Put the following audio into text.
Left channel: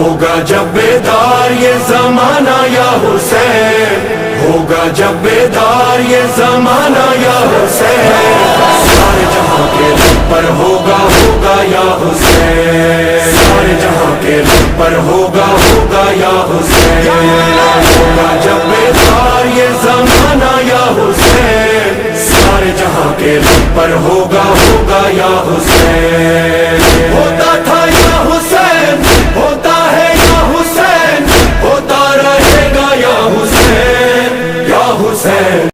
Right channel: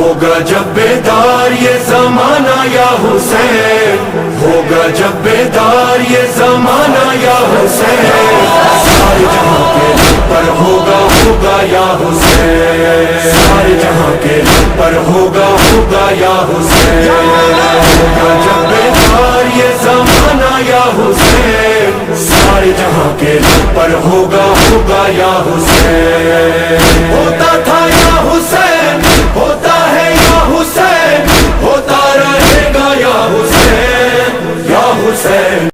होगा जब बेदार ये जमाना या हुसैन, होगा जब बेदार ये जमाना या हुसैन, सारे जहां के पर होगा होगा या हुसैन, सारे जहां के पर होगा होगा या हुसैन, होगा जब बेदार ये जमाना या हुसैन, सारे जहां के पर होगा होगा या हुसैन।